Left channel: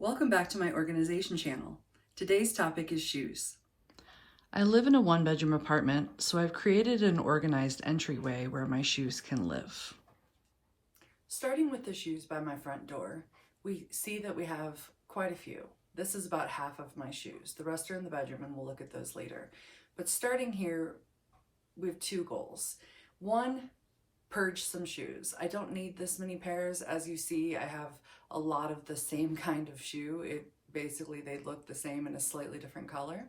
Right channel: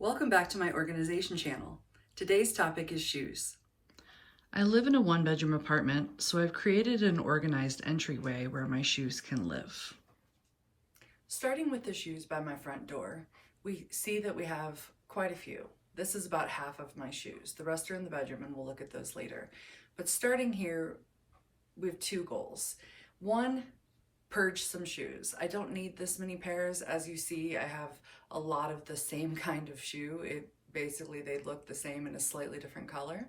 Welcome back to my organization channel. Today's topic is shoes. I live in a one-bedroom apartment, so I've created an organized entryway where my shoes can live. Starting with the shoes by my front door, we see that we have quite a few. This is about half of my shoes. The rest are in the bedroom and we'll look at those later. But starting here, we have two goals. One, purge some shoes. I don't need this many pairs. As you see, I have a lot of the same kind of shoe. Basically, they look the same in a slightly different color.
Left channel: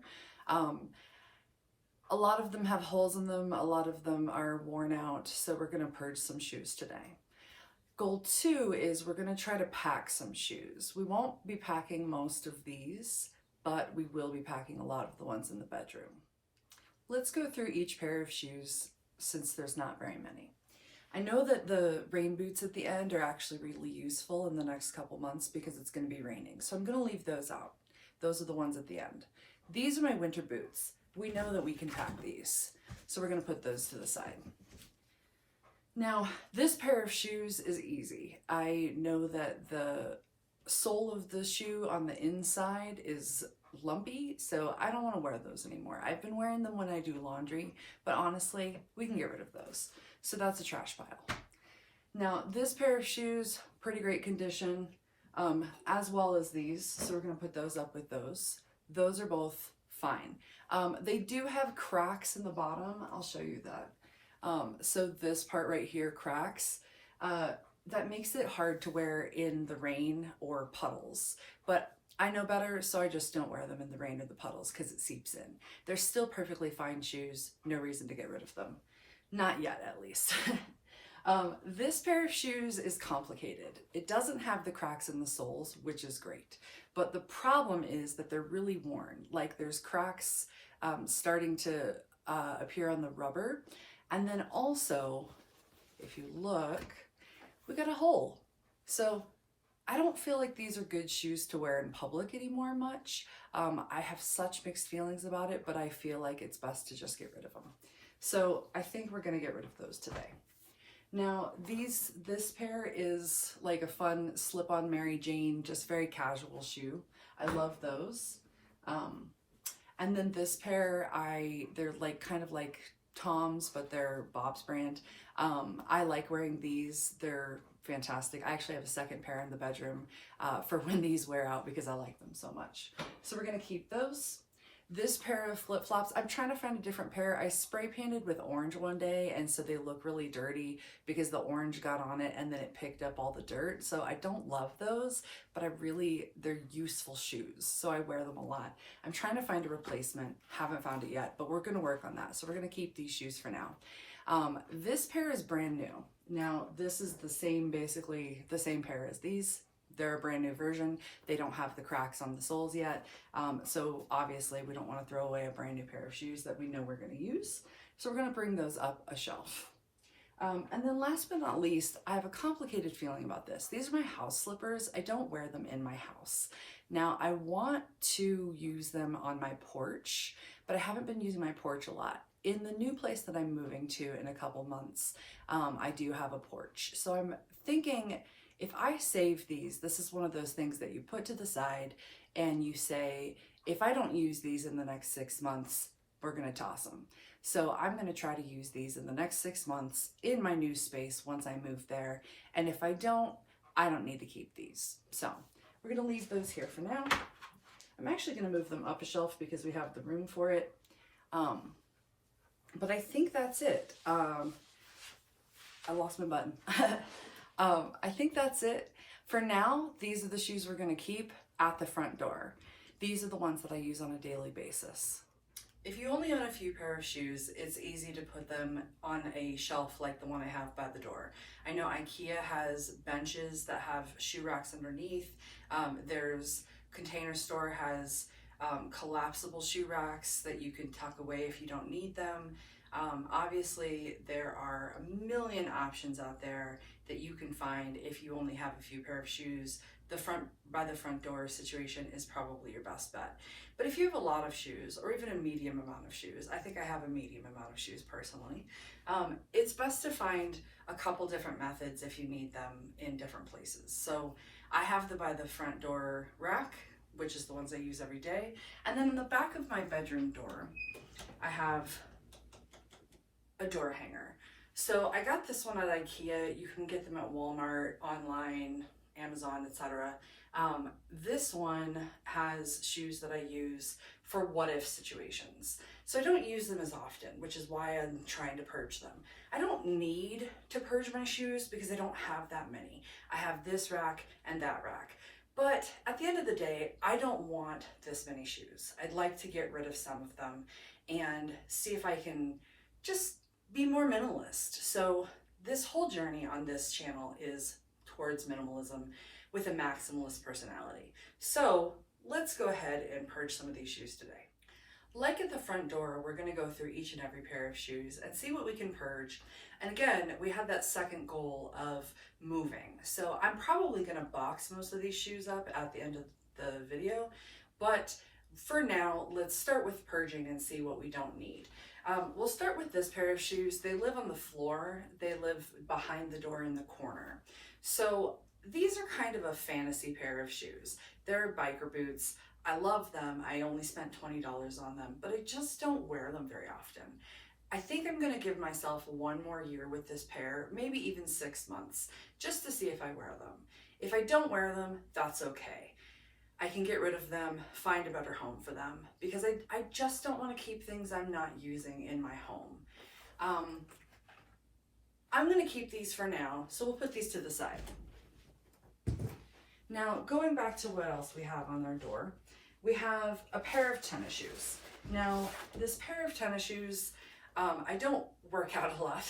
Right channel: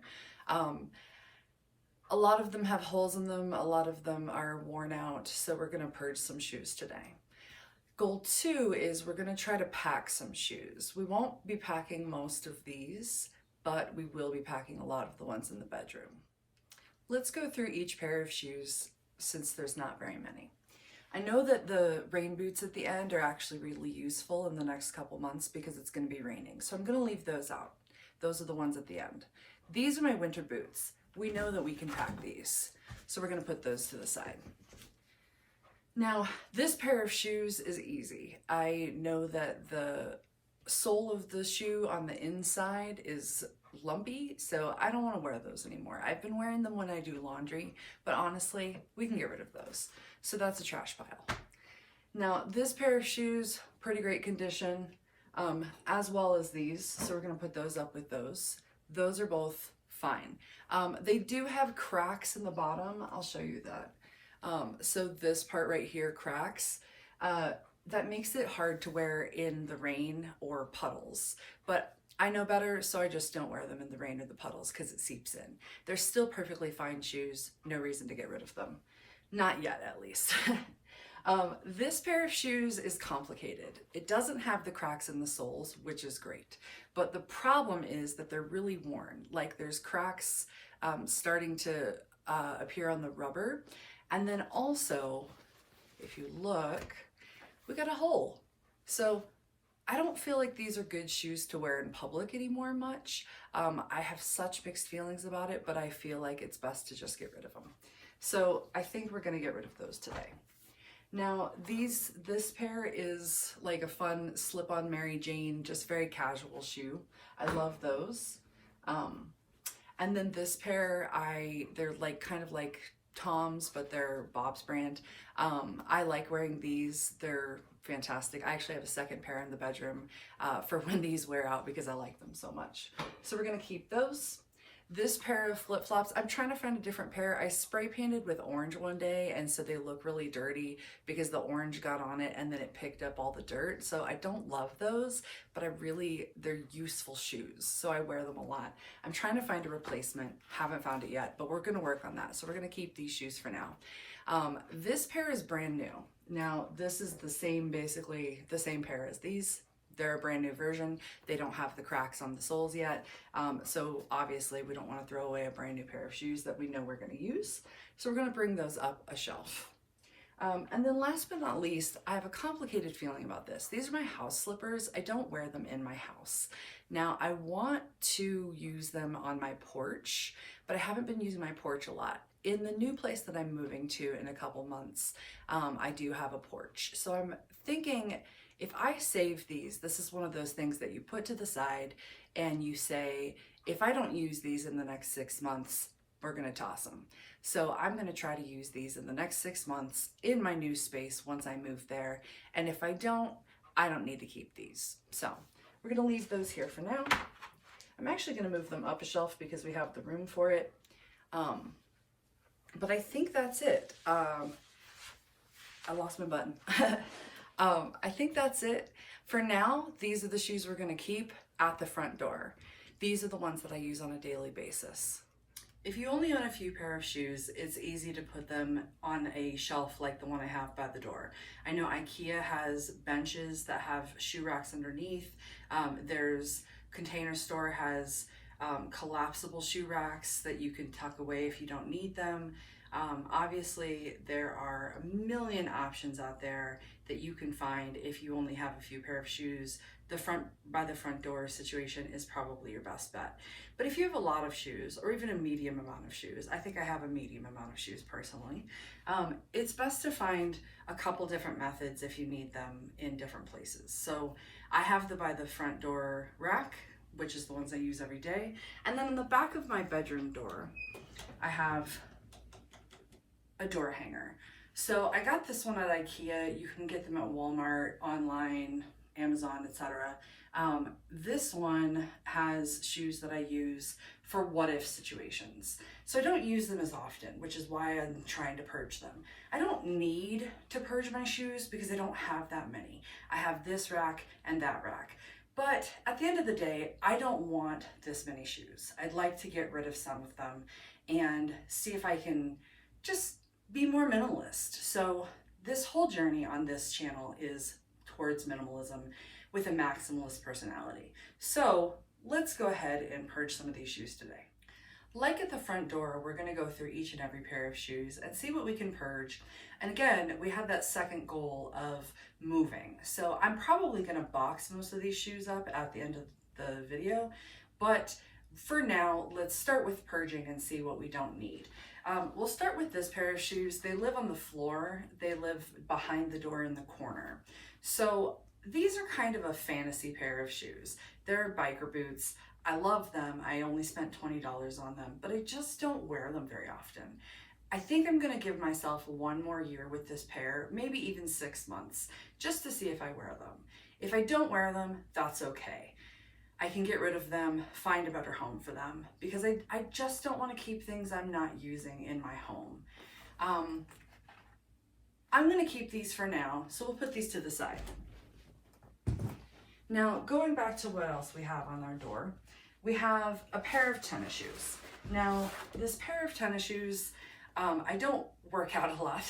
A lot of them have holes in them. A lot of them are worn out. So we're gonna purge some shoes today. Goal two is we're gonna try to pack some shoes. We won't be packing most of these, but we will be packing a lot of the ones in the bedroom. Let's go through each pair of shoes since there's not very many. I know that the rain boots at the end are actually really useful in the next couple months because it's going to be raining. So I'm going to leave those out. Those are the ones at the end. These are my winter boots. We know that we can pack these. So we're going to put those to the side. Now, this pair of shoes is easy. I know that the sole of the shoe on the inside is lumpy, so I don't want to wear those anymore. I've been wearing them when I do laundry, but honestly, we can get rid of those. So that's a trash pile. Now, this pair of shoes, pretty great condition, as well as these. So we're going to put those up with those. Those are both fine. They do have cracks in the bottom. I'll show you that. So this part right here cracks. That makes it hard to wear in the rain or puddles. But I know better, so I just don't wear them in the rain or the puddles because it seeps in. They're still perfectly fine shoes. No reason to get rid of them. Not yet, at least. This pair of shoes is complicated. It doesn't have the cracks in the soles, which is great. But the problem is that they're really worn. Like there's cracks starting to appear on the rubber. And then also, if you look, we got a hole. So I don't feel like these are good shoes to wear in public anymore much. I have such mixed feelings about it, but I feel like it's best to just get rid of them. So I think we're gonna get rid of those today. Now this pair is like a fun slip-on Mary Jane, just very casual shoe. I love those. And then this pair, they're like kind of like Tom's, but they're Bob's brand. I like wearing these. They're fantastic. I actually have a second pair in the bedroom for when these wear out because I like them so much. So we're gonna keep those. This pair of flip-flops, I'm trying to find a different pair. I spray painted with orange one day, and so they look really dirty because the orange got on it and then it picked up all the dirt. So I don't love those, but they're useful shoes. So I wear them a lot. I'm trying to find a replacement. Haven't found it yet, but we're gonna work on that. So we're gonna keep these shoes for now. This pair is brand new. Now, this is basically the same pair as these. They're a brand new version. They don't have the cracks on the soles yet. So obviously we don't want to throw away a brand new pair of shoes that we know we're going to use. So we're going to bring those up a shelf. And then last but not least, I have a complicated feeling about this. These are my house slippers. I don't wear them in my house. Now I want to use them on my porch, but I haven't been using my porch a lot. In the new place that I'm moving to in a couple months, I do have a porch. So I'm thinking, if I save these, this is one of those things that you put to the side and you say, if I don't use these in the next 6 months, we're gonna toss them. So I'm gonna try to use these in the next 6 months in my new space once I move there. And if I don't need to keep these. So we're gonna leave those here for now. I'm actually gonna move them up a shelf because we have the room for it. But I think that's it. I lost my button. I think that's it. For now, these are the shoes we're gonna keep at the front door. These are the ones that I use on a daily basis. If you only own a few pair of shoes, it's easy to put them on a shelf like the one I have by the door. I know IKEA has benches that have shoe racks underneath. There's Container Store has collapsible shoe racks that you can tuck away if you don't need them. Obviously, there are a million options out there that you can find if you only have a few pair of shoes. By the front door situation is probably your best bet. But if you have a lot of shoes or even a medium amount of shoes, I think I have a medium amount of shoes personally, it's best to find a couple different methods if you need them in different places. So I have the by the front door rack, which is the ones I use every day. And then in the back of my bedroom door, I have a door hanger. So I got this one at IKEA. You can get them at Walmart, online, Amazon, etc. This one has shoes that I use for what if situations. So I don't use them as often, which is why I'm trying to purge them. I don't need to purge my shoes because I don't have that many. I have this rack and that rack. But at the end of the day, I don't want this many shoes. I'd like to get rid of some of them and see if I can just be more minimalist. So this whole journey on this channel is towards minimalism with a maximalist personality. So let's go ahead and purge some of these shoes today. Like at the front door, we're gonna go through each and every pair of shoes and see what we can purge. And again, we had that second goal of moving. So I'm probably gonna box most of these shoes up at the end of the video, but for now, let's start with purging and see what we don't need. We'll start with this pair of shoes. They live on the floor. They live behind the door in the corner. So these are kind of a fantasy pair of shoes. They're biker boots. I love them. I only spent $20 on them, but I just don't wear them very often. I think I'm gonna give myself one more year with this pair, maybe even 6 months, just to see if I wear them. If I don't wear them, that's okay. I can get rid of them, find a better home for them, because I just don't want to keep things I'm not using in my home. I'm going to keep these for now, so we'll put these to the side. Now, going back to what else we have on our door, we have a pair of tennis shoes. Now, this pair of tennis shoes, I don't work out a lot.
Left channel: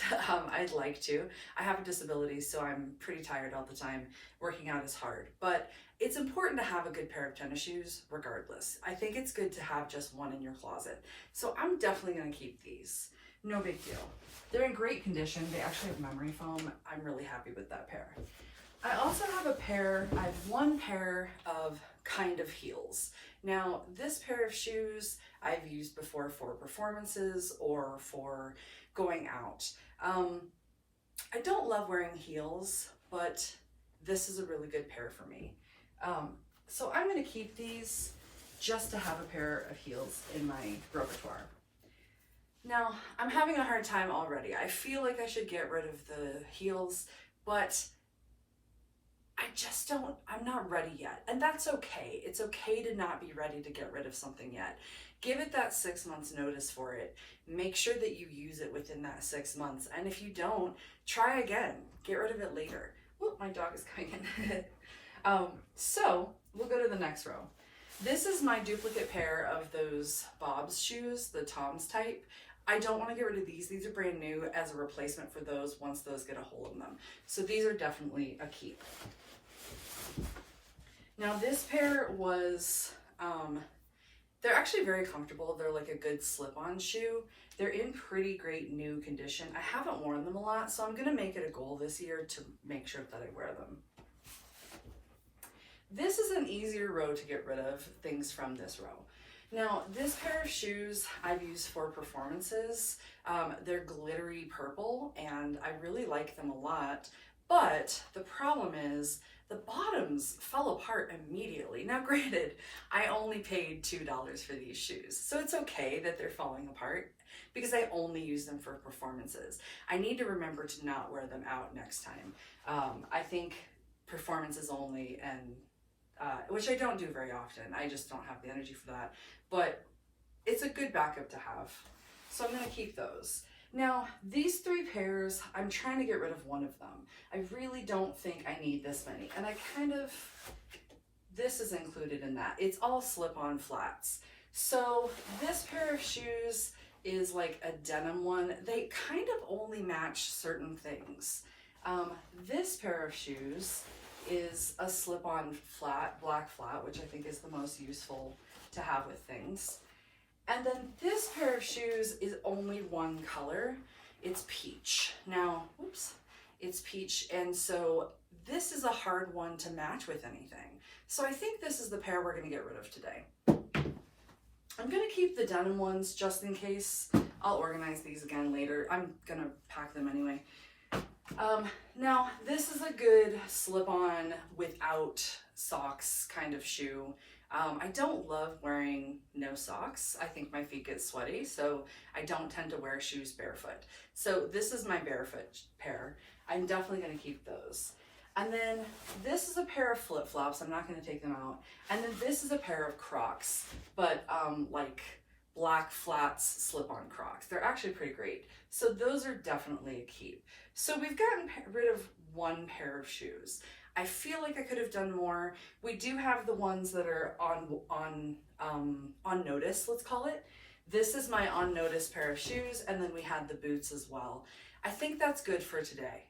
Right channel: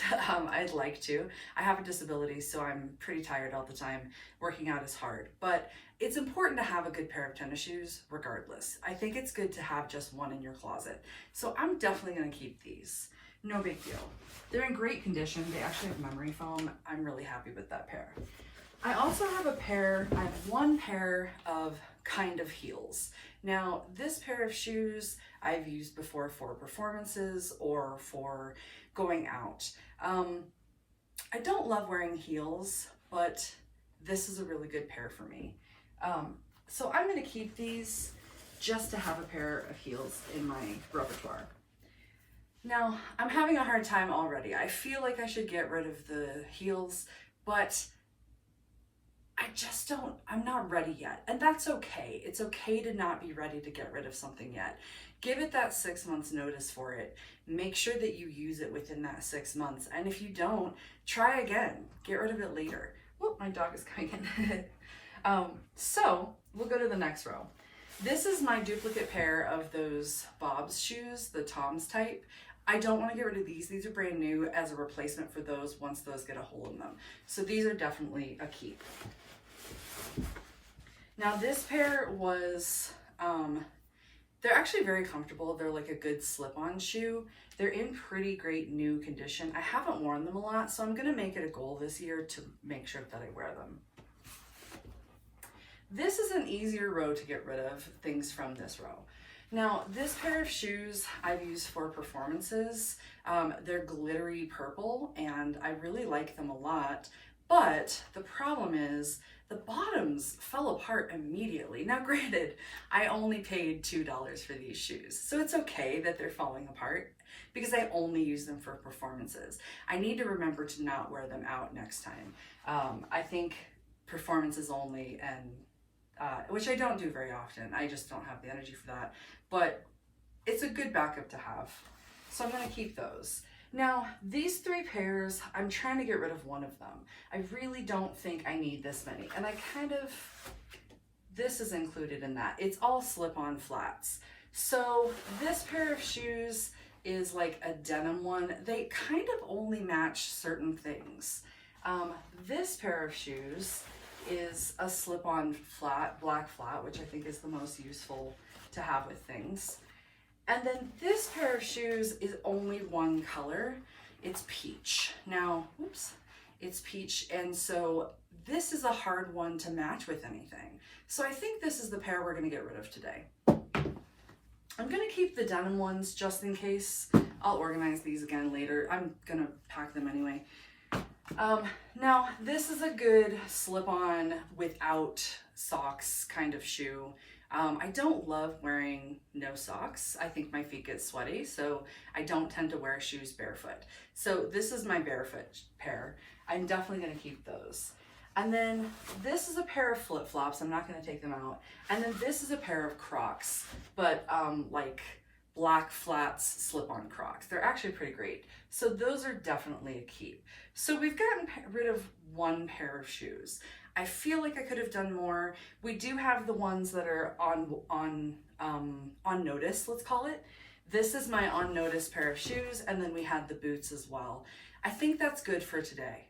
I'd like to. I have a disability, so I'm pretty tired all the time. Working out is hard, but it's important to have a good pair of tennis shoes regardless. I think it's good to have just one in your closet. So I'm definitely gonna keep these. No big deal. They're in great condition. They actually have memory foam. I'm really happy with that pair. I also have I have one pair of kind of heels. Now, this pair of shoes I've used before for performances or for going out. I don't love wearing heels, but this is a really good pair for me. So I'm gonna keep these just to have a pair of heels in my repertoire. Now, I'm having a hard time already. I feel like I should get rid of the heels, but I'm not ready yet. And that's okay. It's okay to not be ready to get rid of something yet. Give it that 6 months notice for it. Make sure that you use it within that 6 months. And if you don't, try again. Get rid of it later. Whoop, my dog is coming in. So we'll go to the next row. This is my duplicate pair of those Bob's shoes, the Tom's type. I don't want to get rid of these. These are brand new as a replacement for those once those get a hole in them. So these are definitely a keep. Now this pair was, they're actually very comfortable. They're like a good slip-on shoe. They're in pretty great new condition. I haven't worn them a lot, so I'm gonna make it a goal this year to make sure that I wear them. This is an easier row to get rid of things from this row. Now, this pair of shoes I've used for performances. They're glittery purple, and I really like them a lot, but the problem is the bottoms fell apart immediately. Now, granted, I only paid $2 for these shoes, so it's okay that they're falling apart because I only use them for performances. I need to remember to not wear them out next time. I think performances only, and which I don't do very often. I just don't have the energy for that, but it's a good backup to have. So I'm gonna keep those. Now, these 3 pairs, I'm trying to get rid of one of them. I really don't think I need this many, and this is included in that. It's all slip-on flats. So this pair of shoes is like a denim one. They kind of only match certain things. This pair of shoes is a slip-on flat, black flat, which I think is the most useful to have with things. And then this pair of shoes is only one color. It's peach. Now, oops, it's peach. And so this is a hard one to match with anything. So I think this is the pair we're gonna get rid of today. I'm gonna keep the denim ones just in case. I'll organize these again later. I'm gonna pack them anyway. Now this is a good slip-on without socks kind of shoe. I don't love wearing no socks. I think my feet get sweaty, so I don't tend to wear shoes barefoot. So this is my barefoot pair. I'm definitely gonna keep those. And then this is a pair of flip-flops. I'm not gonna take them out. And then this is a pair of Crocs, but like black flats slip-on Crocs. They're actually pretty great. So those are definitely a keep. So we've gotten rid of one pair of shoes. I feel like I could have done more. We do have the ones that are on notice, let's call it. This is my on notice pair of shoes, and then we had the boots as well. I think that's good for today.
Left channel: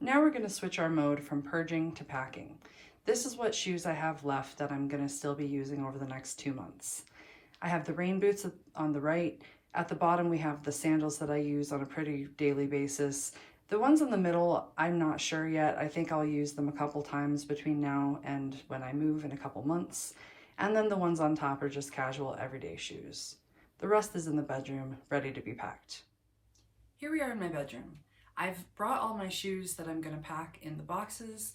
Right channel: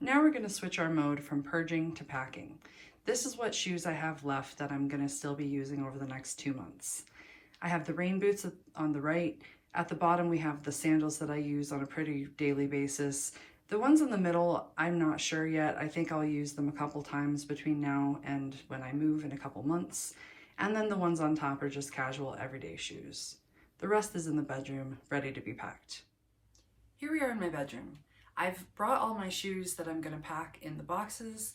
Now we're going to switch our mode from purging to packing. This is what shoes I have left that I'm going to still be using over the next 2 months. I have the rain boots on the right. At the bottom, we have the sandals that I use on a pretty daily basis. The ones in the middle, I'm not sure yet. I think I'll use them a couple times between now and when I move in a couple months. And then the ones on top are just casual everyday shoes. The rest is in the bedroom, ready to be packed. Here we are in my bedroom. I've brought all my shoes that I'm gonna pack in the boxes,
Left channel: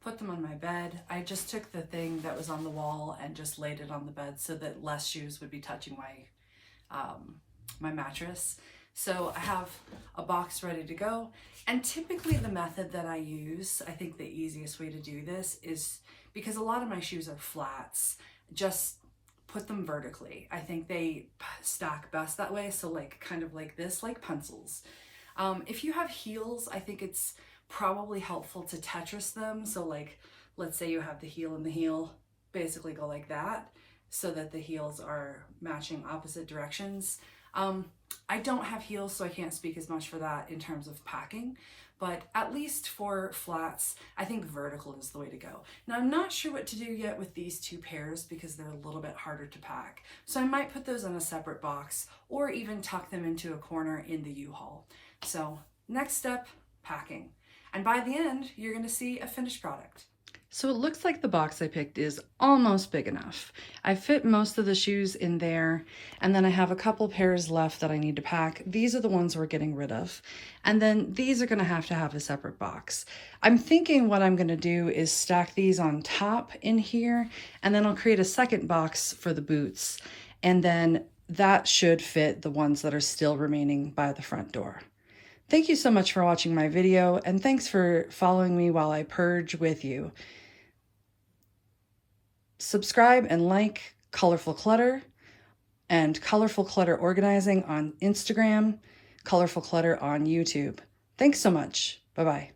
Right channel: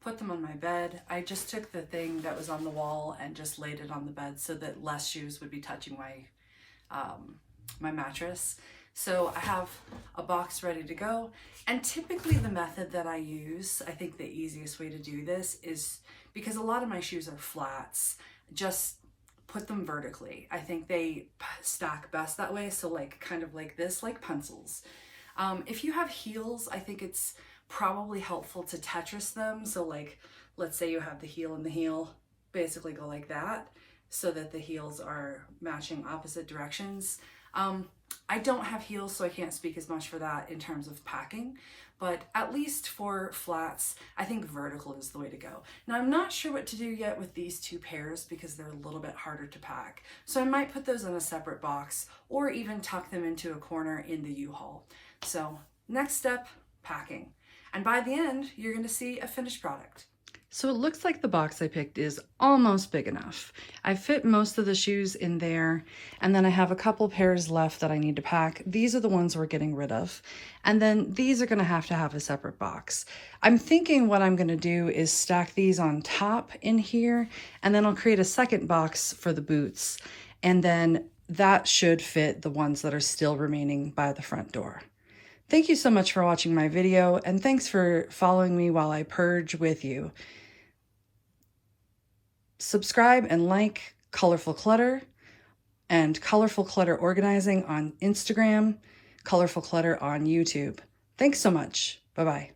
put them on my bed. I just took the thing that was on the wall and just laid it on the bed so that less shoes would be touching my mattress. So I have a box ready to go. And typically the method that I use, I think the easiest way to do this is, because a lot of my shoes are flats, just put them vertically. I think they stack best that way. So like kind of like this, like pencils. If you have heels, I think it's probably helpful to Tetris them. So like, let's say you have the heel and the heel, basically go like that so that the heels are matching opposite directions. I don't have heels, so I can't speak as much for that in terms of packing, but at least for flats, I think vertical is the way to go. Now, I'm not sure what to do yet with these two pairs because they're a little bit harder to pack. So I might put those in a separate box or even tuck them into a corner in the U-Haul. So next step, packing. And by the end, you're gonna see a finished product. So it looks like the box I picked is almost big enough. I fit most of the shoes in there, and then I have a couple pairs left that I need to pack. These are the ones we're getting rid of. And then these are gonna have to have a separate box. I'm thinking what I'm gonna do is stack these on top in here, and then I'll create a second box for the boots. And then that should fit the ones that are still remaining by the front door. Thank you so much for watching my video, and thanks for following me while I purge with you. Subscribe and like Colorful Clutter and Colorful Clutter Organizing on Instagram, Colorful Clutter on YouTube. Thanks so much. Bye-bye.